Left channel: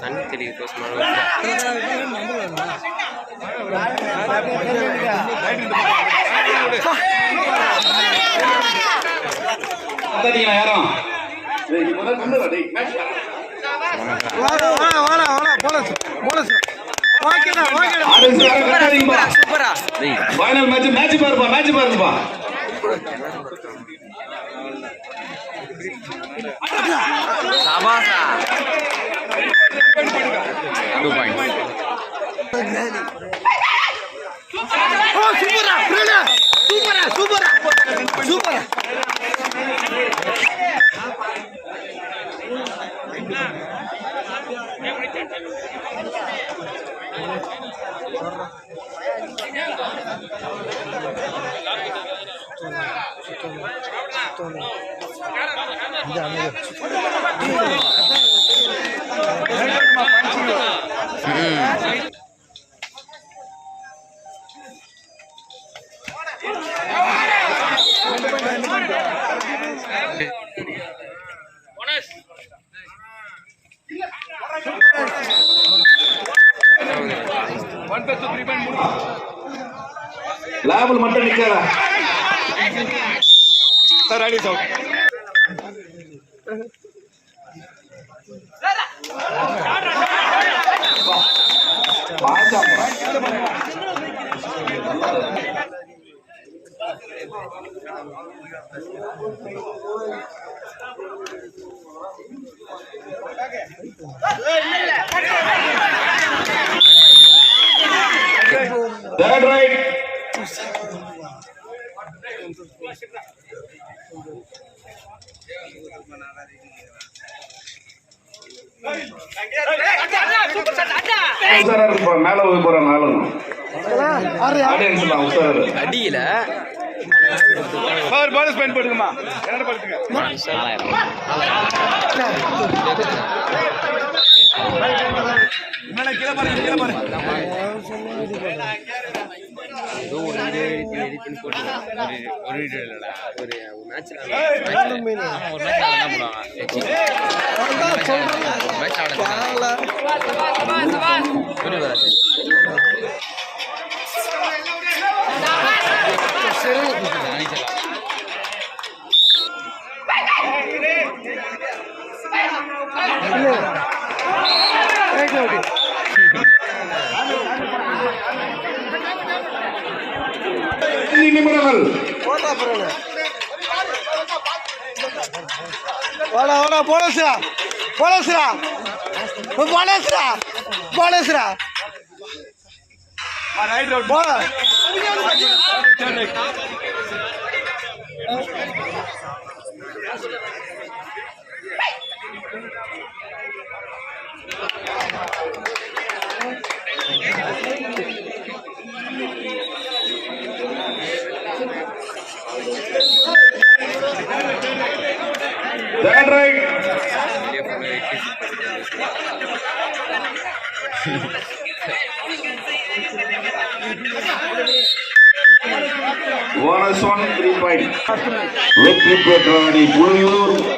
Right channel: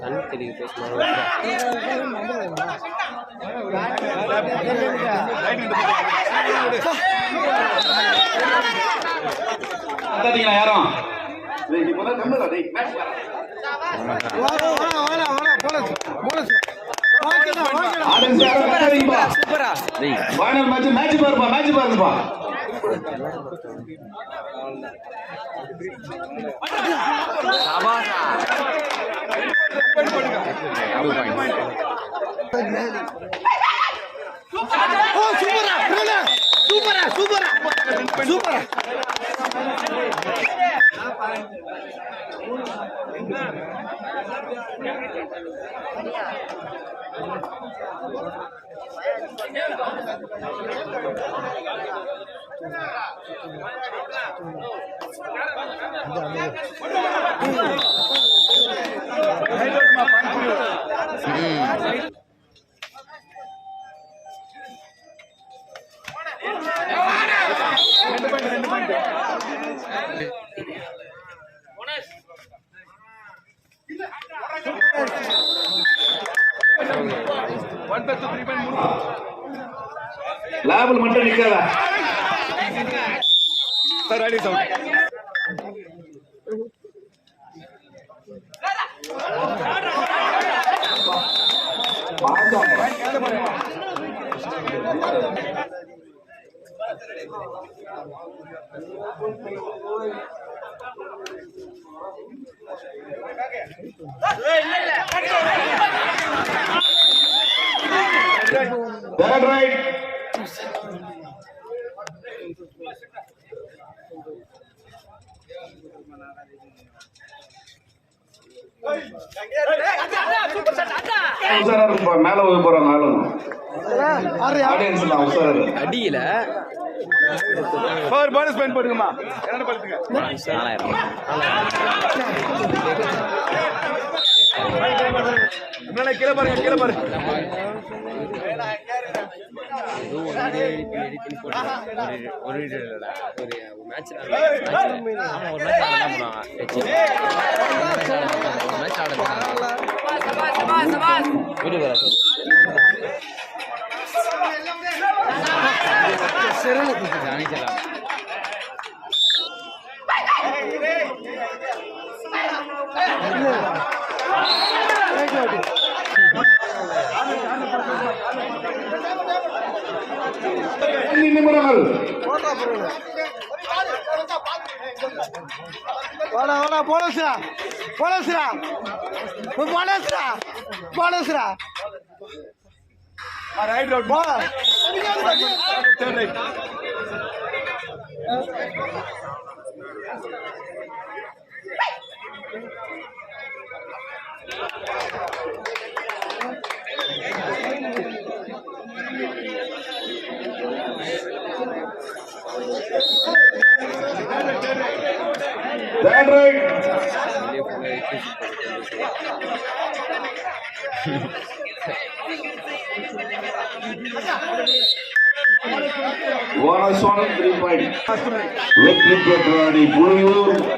தண்ணி தெளிக்க பாருப்பா சபாசா சூப்பரா சூப்பரா சூப்பரா லேபிள் மட்டும் நிக்காத sir ready sir Third right. மேல போய் போறாங்க அடியில ஒரு போனஸ் பாயிண்ட் போடுங்கம்மா என்ன பண்ணுங்க கீழே பாருங்க கீழே பாருங்க ஏதோ ஒரு எடிட் பண்ணி போட்டு ஒரு இல்லடா ஒரு மேட்ச்ல ஒரு மேட்ச் என்ன பண்ணுவாங்க மேட்ச் ஆடுறாங்க ஒரு வேற நிமிடங்கள் போலஸ்ரா போலஸ்ரா போலஸ்ரா போலஸ்ரா ரைட் ரோட் போல turn right That right. Bonus 1 3 point. Victory